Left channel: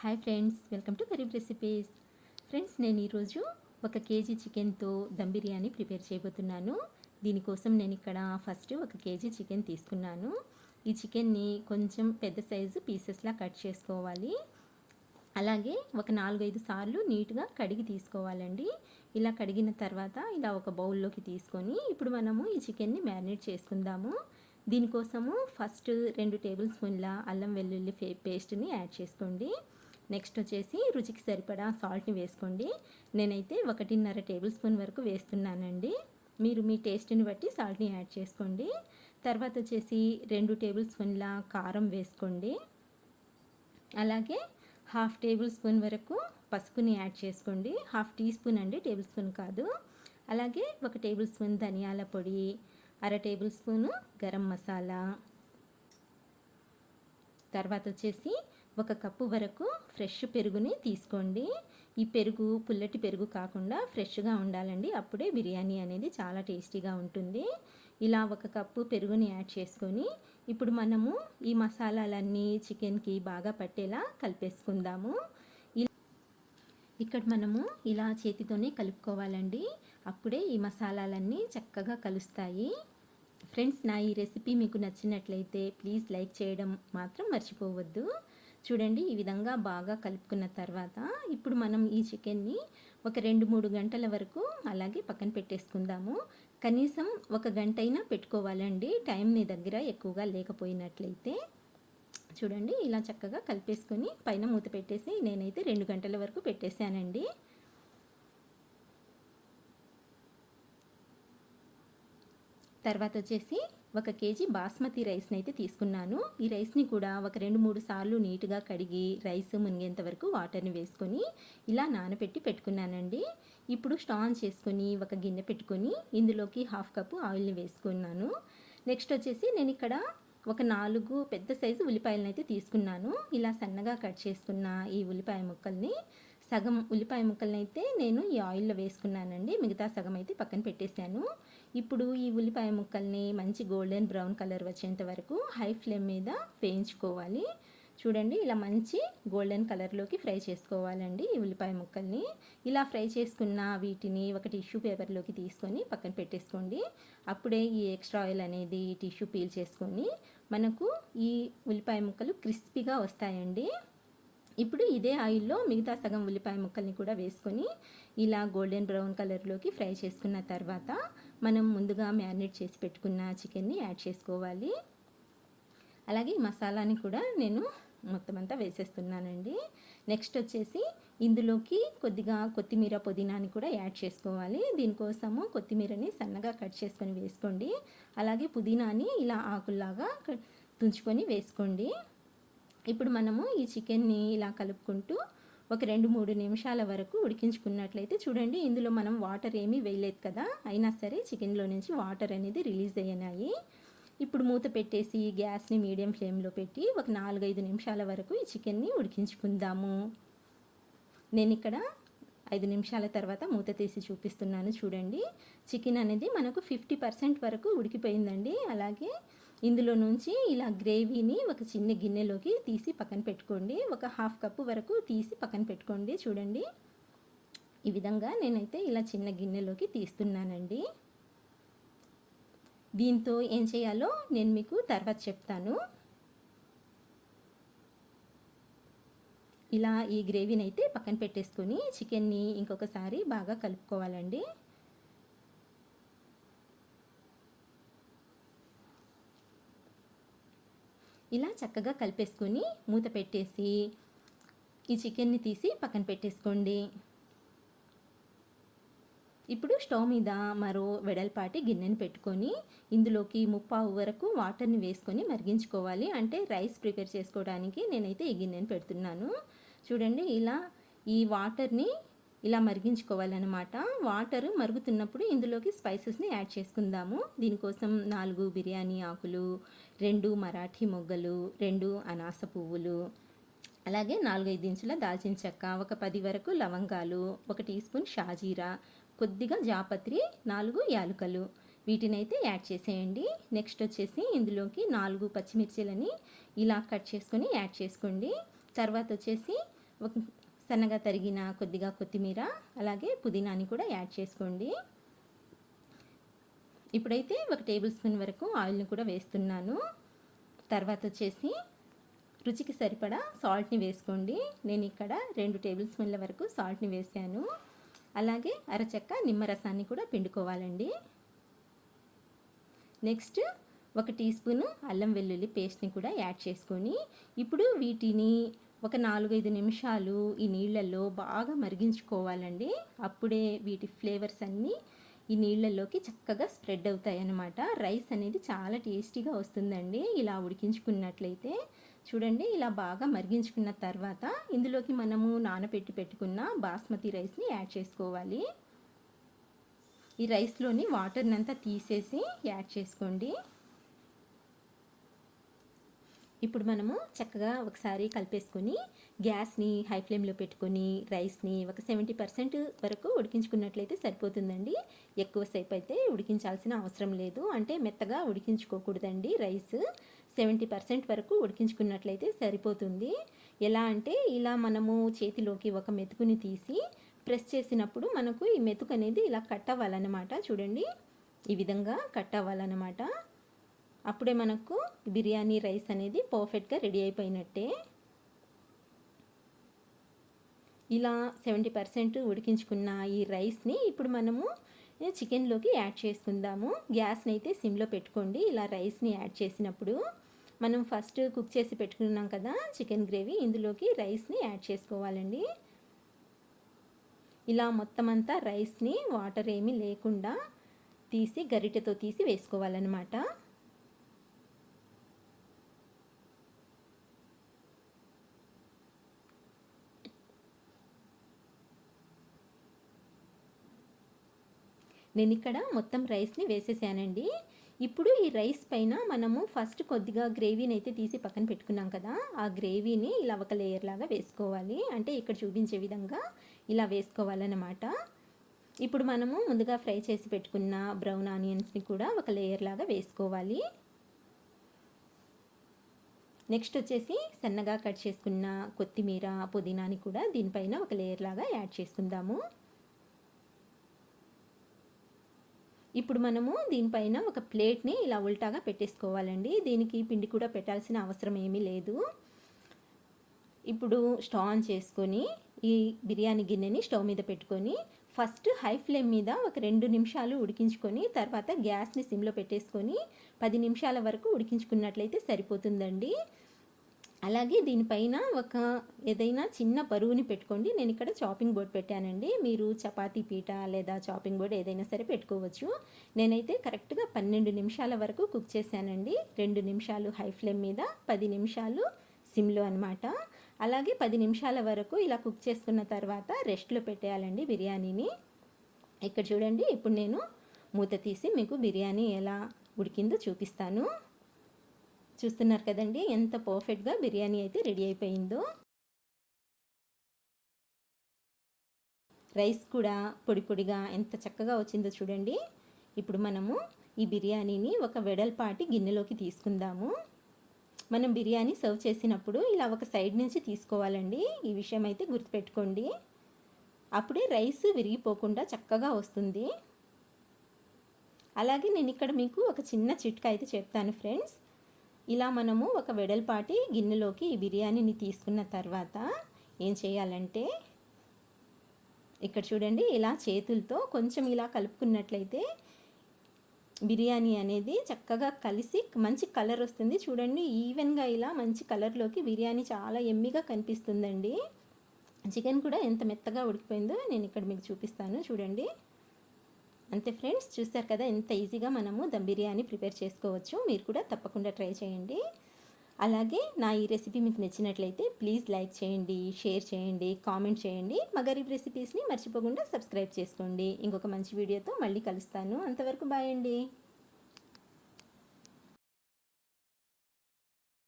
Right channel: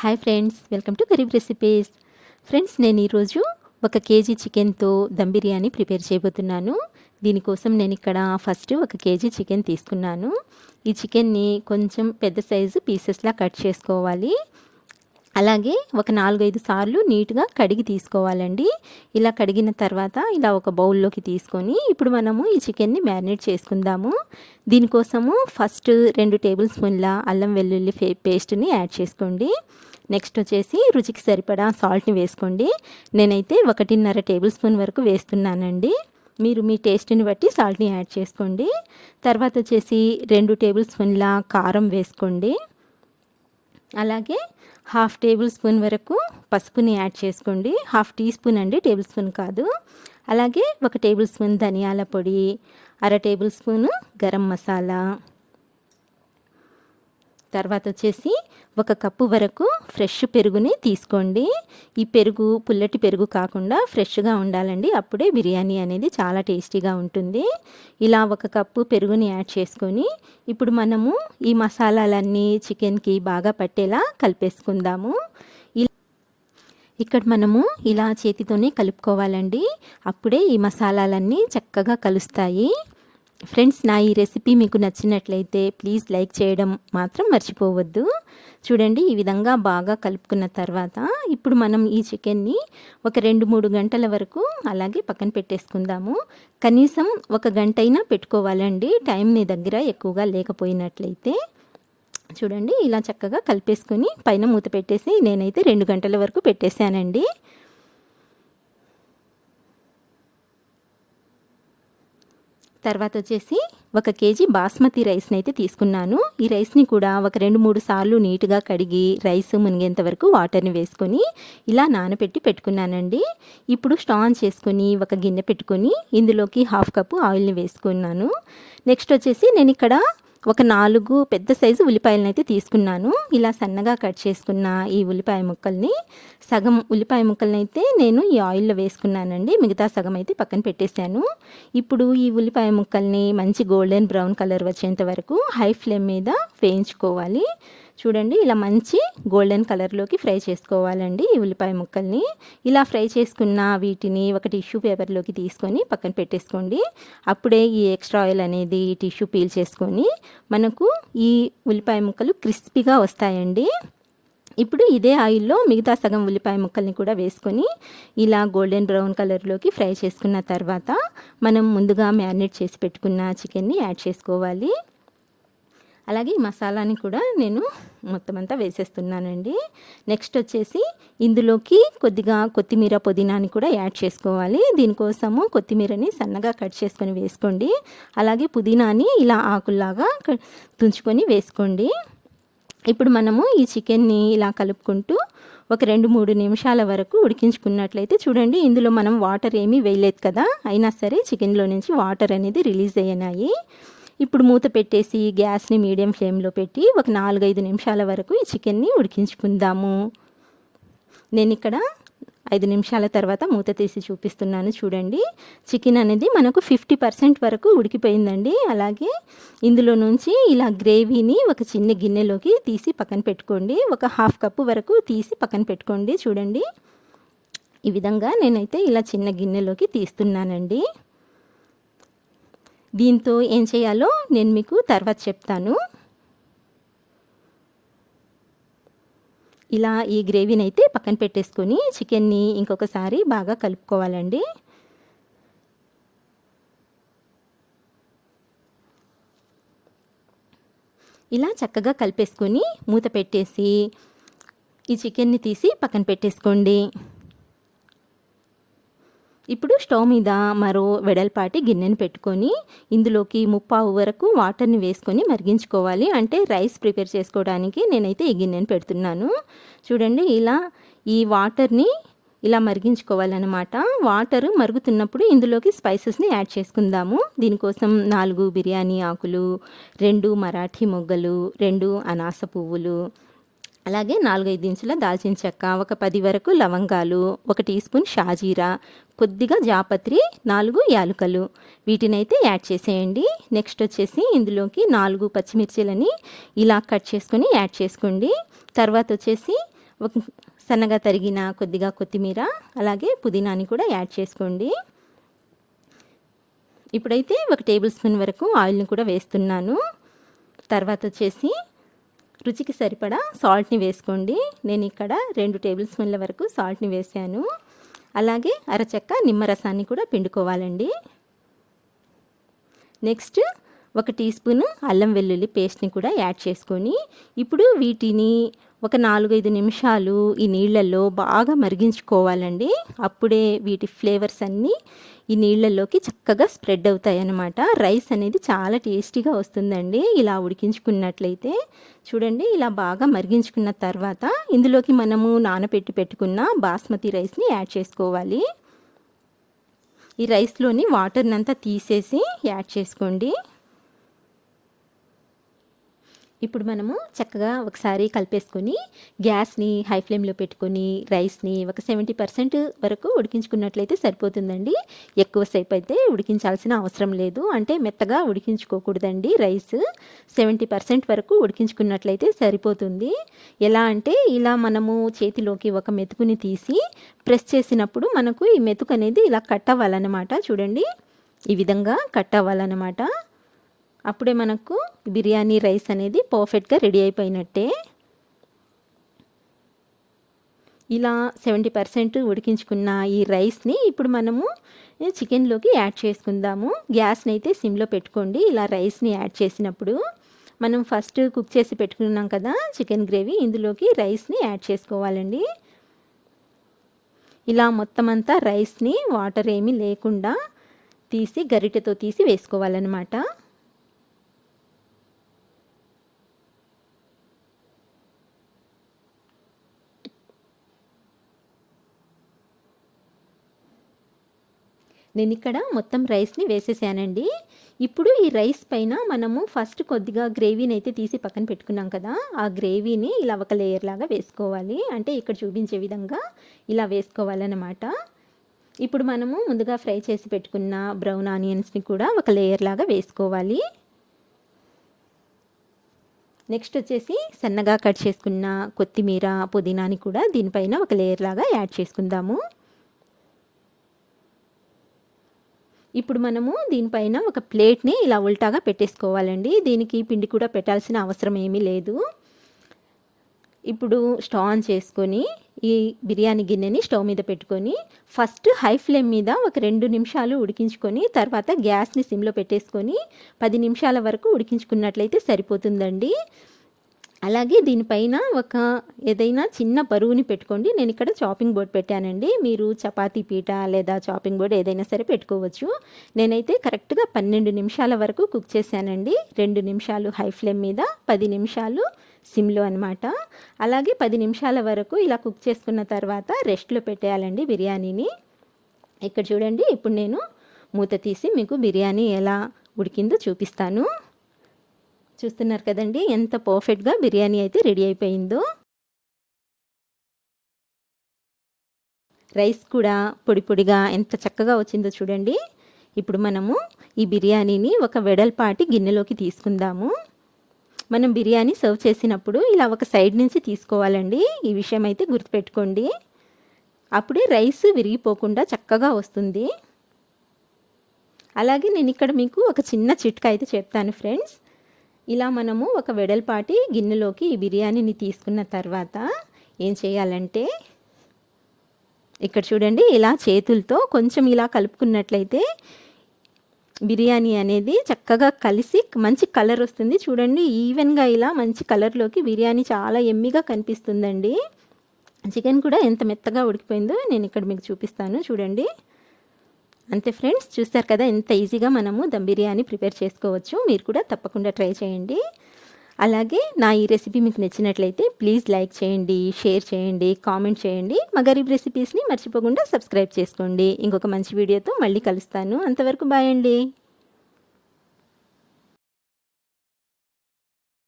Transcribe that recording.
Hi friends, welcome to Garib recipes. Friends, నేను ఈరోజు 1 KG చికెన్తో దమ్ బిర్యానీ ప్రిపేర్ చేయబోతున్నాను. దీనికోసం నేను ఇక్కడ ఫస్ట్ 1 కేజీ చికెన్ తీసుకున్నాను. ఈ చికెన్ని కొంచెం పెద్ద సైజు పీసెస్లా కట్ చేసుకోవాలి. అలాగే ఒక 4-5 సార్లు నీట్గా కడిగి తీసుకోవాలండి. ఇలా కడిగిన తర్వాత ఇలా ఒక బౌల్లోకి తీసుకొని ఇప్పుడు మనము ఈ చికెన్ని మ్యారినేట్ చేసుకుందాము. దీనికోసము ఫస్ట్ 2 టేబుల్ స్పూన్ల అల్లం వెల్లుల్లి పేస్ట్ని యాడ్ చేసుకోండి. నెక్స్ట్ వచ్చేసి రుచికి సరిపడా సాల్ట్ని వేసుకోండి. నేనైతే 1.5 టేబుల్ స్పూన్ వరకు వేస్తున్నానండి. మీరు మీ టేస్ట్ని బట్టి సాల్ట్ని యాడ్ చేసుకోండి. తర్వాత వచ్చేసి 2 టేబుల్ స్పూన్ల కారం వేసుకోండి. అలాగే 1/2 టేబుల్ స్పూన్ వరకు పసుపుని యాడ్ చేసుకోండి. 1/2 టీ స్పూన్ అండి, టేబుల్ స్పూన్ కాదు. అలాగే 1 టేబుల్ స్పూన్ ధనియాల పొడి, 1/2 టేబుల్ స్పూను గరం మసాలా. తర్వాత వచ్చేసి 1 కప్పు వరకు ఫ్రెష్ పెరుగుని తీసుకోండి. ఈ పెరుగు పుల్లటి పెరుగు కాకుండా ఫ్రెష్గా ఉండాలండి. అప్పుడే బిర్యానీ అనేది చాలా టేస్టీగా ఉంటుంది. ఇలా 1 కప్పు పెరుగుని యాడ్ చేసుకొని ఇప్పుడు మనము ఈ మసాలాలన్నీ చికెన్కి బాగా పట్టేలా కలిపేసుకుందాము. ఇక్కడ మనము ఇలా చేతితోనే కలుపుకోవాలండి. అప్పుడే ఈ మసాలాలన్నీ చక్కగా కలుస్తాయి. ఫ్రెండ్స్, నా ఈ రెసిపీ మీకు నచ్చినట్లయితే ప్లీజ్ లైక్ చేయడం మాత్రం మర్చిపోవద్దు. చూడండి, ఈ విధంగా బాగా కలుపుకున్న తర్వాత ఇప్పుడు మనం ఈ చికెన్ని ఒక 2-3 గంటల వరకు అలాగే పక్కన పెట్టేసుకుందాము. కనీసం 1 గంట అయినా పెట్టుకోవాలండి, టైం మీ దగ్గర ఎక్కువగా లేకపోయినట్లయితే. చూడండి, ఇలా చక్కగా కలిపేసుకొని పైన మూత పెట్టేసి నేనైతే 2 గంటల వరకు పెట్టేశానండి. తర్వాత వచ్చేసి 1 కేజీ బాస్మతి రైస్ని అయితే తీసుకున్నాను. ఈ రైస్ని కూడా ఒక 2-3 సార్లు నీట్గా కడిగి రైస్ మునిగేంత వరకు వాటర్ని వేసుకొని ఇలా నానబెట్టి పెట్టుకున్నానండి. ఇప్పుడు స్టవ్ ఆన్ చేసుకొని ఒక గిన్నె పెట్టుకొని ఇందులోకి 1/2 కప్పు ఆయిల్ని వేసుకున్నాను. నెక్స్ట్ వచ్చేసి నేను ఇక్కడ ఒక 4 పెద్ద సైజు ఉల్లిపాయలను అయితే తీసుకున్నాను. ఇలా సన్నగా కట్ చేసుకున్న ఈ ఉల్లిపాయ ముక్కల్ని, సగం ఉల్లిపాయ ముక్కల్ని అయితే నేను ఈ ఆయిల్లో వేసుకున్నానండి. మిగతా సగం అయితే పక్కన పెట్టేశాను. ఇప్పుడు ఈ ఉల్లిపాయ ముక్కల్ని మంచి గోల్డెన్ బ్రౌన్ కలర్ వచ్చేంత వరకు హై ఫ్లేమ్ మీద వేయించుకోవాలి. చూడండి, ఇలా మంచి గోల్డెన్ కలర్లోకి ఫ్రై చేసుకోవాలండి ఈ ఉల్లిపాయ ముక్కల్ని. ఇలా ఫ్రై చేసుకున్న వీటిని ఒక టిష్యూ పేపర్లోకి తీసుకొని పక్కన పెట్టేసుకోండి. అప్పుడే ఈ ఎక్స్ట్రా ఆయిల్ అనేది టిష్యూ పీల్ చేసుకొని మనకు ఈ ఉల్లిపాయ ముక్కలు క్రిస్పీగా వస్తాయండి. ఇప్పుడు ఇదే ఆయిల్లో మిగతా సగం ఉల్లిపాయ ముక్కల్ని కూడా వేసుకొని ఇలా గోల్డెన్ బ్రౌన్ కలర్లోకి ఫ్రై చేసుకున్న తర్వాత మనం ముందుగా మ్యారినేట్ చేసి పెట్టుకున్న చికెన్ని యాడ్ చేసుకోవాలి. అలాగే ఈ మసాలాని కూడా నేను మొత్తం అంతా వేసేస్తున్నానండి. నెక్స్ట్ వచ్చేసి ఇందులోకి కొద్దిగా కొత్తిమీర, పుదీనాని కూడా యాడ్ చేసుకోవాలి. దీనికోసము కొత్తిమీరని సన్నగా కట్ చేసుకొని వేసుకోండి. అలాగే పుదీనాని ఇలా ఆకుల్లాగా తుంచుకొని వేసుకోండి. ఇప్పుడు మనము ఈ చికెన్ని ఇలా కలుపుకుంటూ ఒక 2-3 నిమిషాల వరకు ఉడికించుకున్నట్లయితే చూడండి, ఇందులో మనం వాటర్ ఏమీ వేయలేదు కదా, అయినా సరే చికెన్లో నుంచి వాటర్ అనేది రిలీజ్ అయ్యాయి. ఇప్పుడు మూత పెట్టేసి గ్యాస్ని మీడియం ఫ్లేమ్లో పెట్టి ఒక 4-5 నిమిషాల వరకు ఈ చికెన్ని ఉడికించుకుందాము. నేను ఇక్కడ 5 నిమిషాల తర్వాత మూత తీసి చూపిస్తున్నాను. చూడండి, చికెన్ అనేది మనకు 50% వరకు ఉడికిపోయిందండి. అలాగే ఇందులో నుంచి ఇలా గ్రేవీని ఒక చిన్న గిన్నెలోకి తీసి పక్కన పెట్టుకోండి. ఒక 1/2 కప్పు వరకు తీసి పక్కన పెట్టుకోండి. చూడండి, ఈ విధంగా నేనైతే ఇలా చిన్న గిన్నెలోకి తీస్తున్నానండి. దీంతో ఏం చేయాలో నేను మీకు తర్వాత చెప్తాను. ఇలా ఈ గ్రేవీని అయితే పక్కన పెట్టేసుకొని చికెన్ని ఇంకొకసారి బాగా కలుపుకోవాలండి. ఇలా చక్కగా కలిపేసుకొని మూత పెట్టేసి ఈ చికెన్ని తీసి పక్కన పెట్టేసుకోండి. ఇప్పుడు స్టవ్ మీద మరో వెడల్పాటి గిన్నెని పెట్టుకొని ఇందులోకి 3/4 వరకు వాటర్ని వేసుకొని మరిగించుకోవాలి. అంటే రైస్ ప్రిపేర్ చేసుకోవడానికి నేనైతే ఈ గిన్నెని పెడుతున్నాను. చూడండి, ఇలా ఈ వాటర్ని ఇలా మరిగించుకోవాలన్నమాట. వాటర్ మరుగుతున్నప్పుడు ఇందులోకి స్పైసెస్ని యాడ్ చేసుకుందాము. దీనికోసం 4 బిర్యానీ ఆకులు, 2 మరాఠీ మొగ్గలు, 2 అనాస పువ్వులు, అలాగే 4-5 ఇంచుల దాల్చిన చెక్క, ఒక 10 వరకు లవంగాలు, 1 టీ స్పూన్ షాజీరా, కొద్దిగా జాపత్రి, 4 యాలకులు, వీటినైతే యాడ్ చేసేయండి. నెక్స్ట్ వచ్చేసి ఇందులోకి 4 పచ్చిమిర్చిలని ఇలా కట్ చేసుకొని యాడ్ చేసుకోండి. తర్వాత వచ్చేసి ఒక సన్నగా తరిగిన కొద్దిగా కొత్తిమీర అలాగే పుదీనాని కూడా యాడ్ చేసుకోండి. ఇప్పుడైతే 1 టేబుల్ స్పూన్ వరకు ఆయిల్ని కూడా వేస్తున్నాను. తర్వాత వచ్చేసి రుచికి సరిపడా సాల్ట్ని వేసుకోండి. నేను ఇక్కడ 2 టేబుల్ స్పూన్ల వరకు సాల్ట్ని వేసాను. అలాగే అరచెక్క నిమ్మరసాన్ని కూడా పిండుకోవాలండి. నెక్స్ట్ 1 టీ స్పూను అల్లం వెల్లుల్లి పేస్ట్ని కూడా యాడ్ చేసుకొని ఇప్పుడు వీటిని ఒక 4-5 నిమిషాలు ఈ నీళ్ళల్లో బాగా మరిగించుకోవాలండి. అప్పుడే వీటి ఫ్లేవర్స్ అన్నీ ఈ నీళ్ళల్లోకి చక్కగా స్ప్రెడ్ అవుతాయి అన్నమాట. రైస్ అనేది చాలా టేస్టీగా వస్తుందండి ఇలా ఉడికించుకున్నట్లయితే. చూడండి ఇలా బాగా మరిగించుకున్న తర్వాత ఇందులోకి మనము నానబెట్టి పెట్టుకున్న బాస్మతి రైస్ని యాడ్ చేసుకోవాలి. ఈ రైస్లోని వాటర్నంతా తీసేసి యాడ్ చేసుకోండి. ఇప్పుడు మనము చక్కగా ఒకసారి కలిపేసుకొని గ్యాస్ని హై ఫ్లేమ్లో పెట్టుకొని రైస్ని ఒక 70% వరకు ఉడికించుకున్నట్లయితే సరిపోతుందండి. ఎక్కువసేపు అయితే ఉడికించాల్సిన అవసరం లేదు. అంటే మెత్తగా ఉడికించుకోకూడదండి. రైస్ 70% వరకు ఉడికించుకున్నట్లయితే సరిపోతుంది. ఎలా అంటే ఇలా మనము చేతిలోకి ఒక మెతుకుని తీసి ప్రెస్ చేసినప్పుడు మనకు ఈ మెతుకు అనేది ఇలా కట్ అవ్వాలన్నమాట. చూడండి ఈ విధంగా కట్ అవ్వాలన్నమాట. అప్పుడే మనకు బిర్యానీ రైస్ అనేది పర్ఫెక్ట్గా రెడీ అయిపోయినట్టే. ఇలా 70% ఉడికించుకున్న ఈ రైస్ని ఇప్పుడు మనము చికెన్లోకి యాడ్ చేసుకుందాము. గ్యాస్ని అయితే సిమ్లో పెట్టుకోండి. ఇలా రైస్ని యాడ్ చేసినప్పుడు మనం ఫస్ట్ కుక్ చేసి పెట్టుకున్నాం కదా చికెన్ గ్రేవీ, ఇందులోకి రైస్ని యాడ్ చేసుకోవాలండి. ఇలా మొత్తం అంతా రైస్ని వాటర్ ఏమీ లేకుండా తీసి గరిటెతో తీసి వేసుకోవాలన్నమాట. నేను ఇక్కడ మొత్తం రైస్ని వేసేసానండి. ఇప్పుడు ఈ రైస్ పైన మనము ఫస్ట్ కొద్దిగా గ్రేవీని అయితే తీసి పక్కన పెట్టుకున్నాం కదా, ఆ గ్రేవీని ఇలా ఒక లేయర్ లాగా వేసుకోవాలి. అంటే ఇక్కడ చూపించే విధంగా ఇలా వేసుకోవాలన్నమాట. ఇప్పుడు మనము ముందుగా ఫ్రై చేసి పెట్టుకున్న బ్రౌన్ ఆనియన్స్ని కూడా ఒక లేయర్ లాగా వేసుకోవాలి. నెక్స్ట్ వచ్చేసి సన్నగా కట్ చేసుకున్న కొత్తిమీర పుదీనాని కూడా దీనిపైన ఒక లేయర్ లాగా యాడ్ చేసుకుందాము. ఇప్పుడు మనము దీనిపైన ఒక ప్లేట్ని ఇలా ఉల్టాగా పెట్టేసుకోవాలండి. దీనికి పిండి కూడా పెట్టాల్సిన అవసరం ఏమీ లేదు. ఇప్పుడు స్టవ్ ఆన్ చేసుకొని ఈ బిర్యానీ గిన్నెని స్టవ్ మీద పెట్టుకొని ఫస్ట్ హై ఫ్లేమ్ మీద ఒక 2 నిమిషాలు ఉడికించుకొని తర్వాత గ్యాస్ని సిమ్లో పెట్టేసుకొని 10 నిమిషాల వరకు ఉడికించుకున్నట్లయితే సరిపోతుందండి. అలాగే దీనిపైన ఒక ఏదైనా చిన్న బరువుని పెట్టుకోండి. నేను ఇక్కడ చాపింగ్ బోర్డ్ పెట్టానండి. మీరు చపాతీ పీట లేదా చాపింగ్ బోర్డ్ ఏదైనా సరే పెట్టుకోవచ్చు. నేనైతే కరెక్ట్గా 12 నిమిషాల వరకు కుక్ చేశానండి. 2 నిమిషాలు హై ఫ్లేమ్ మీద 10 నిమిషాలు సిమ్లో అనమాట. అలాగే 10 నిమిషాల వరకు ఇలా కుక్ చేసుకున్న తర్వాత రెస్ట్లో పెట్టేయాలండి బిర్యానీని. ఇక్కడ చూడండి ఇప్పుడు నేను మూత తీసి మీకు బిర్యానీ ఎలా ఉడికిందో చూపిస్తాను. చూస్తున్నారు కదండి ఎంత పర్ఫెక్ట్గా బిర్యానీ అయితే రెడీ అయిపోయిందో. రైస్ కూడా పొడి పొడిగా ఎంత చక్కగా వచ్చిందో చూడండి. ఇప్పుడు మనము ఈ బిర్యానీని ఒక వెడల్పాటి గిన్నెలోకి తీసుకుందాము. మనం బిర్యానీ సర్వ్ చేసినప్పుడు ఇలా ఒక సైడ్ నుంచి తీసుకోవాలండి. ఈ విషయం అయితే గుర్తుపెట్టుకోండి. అప్పుడే రైస్ విరిగిపోకుండా చక్కగా వస్తుంది. అలాగే నేను ఇక్కడ మీకు ఒక చిన్న చిట్కా అయితే చెప్తాను ఫ్రెండ్స్. ఇలా మనము ఒక వెడల్పాటి గిన్నెలోకి ఈ బిర్యానీని తీసుకున్న తర్వాత ఏం చేయాలంటే ఇక్కడ చూడండి ఇలా చేతులతో కొంచెం ఇలా కలుపుకున్నట్లయితే బిర్యానీ అనేది చక్కగా కలిసి మంచి కలర్ వస్తుంది. చూడండి ఈవెన్గా ఇలా మంచి కలర్లోకి బిర్యానీ చాలా ఎమ్మిగా కనిపిస్తుందండి. చికెన్ కూడా ఎంత మెత్తగా ఉడికిపోయిందో నేను ఇక్కడ మీకు చూపిస్తాను చూడండి. అంతే ఫ్రెండ్స్, చూస్తారు కదా ఎంత ఈజీగా మనము దమ్ బిర్యానీ ప్రిపేర్ చేసుకోవచ్చు. మీరు కూడా తప్పకుండా ట్రై చేయండి. అలాగే నా ఈ రెసిపీ మీకు నచ్చినట్లయితే ప్లీజ్ లైక్ చేయండి, షేర్ చేయండి, కామెంట్ చేయండి. మా గరీబ్ రెసిపీస్ని మర్చిపోకుండా సబ్స్క్రైబ్ చేసుకోండి. ఇంకొక మంచి వీడియోతో మళ్ళీ కలుస్తాను. అంతవరకు బాయ్ అండి.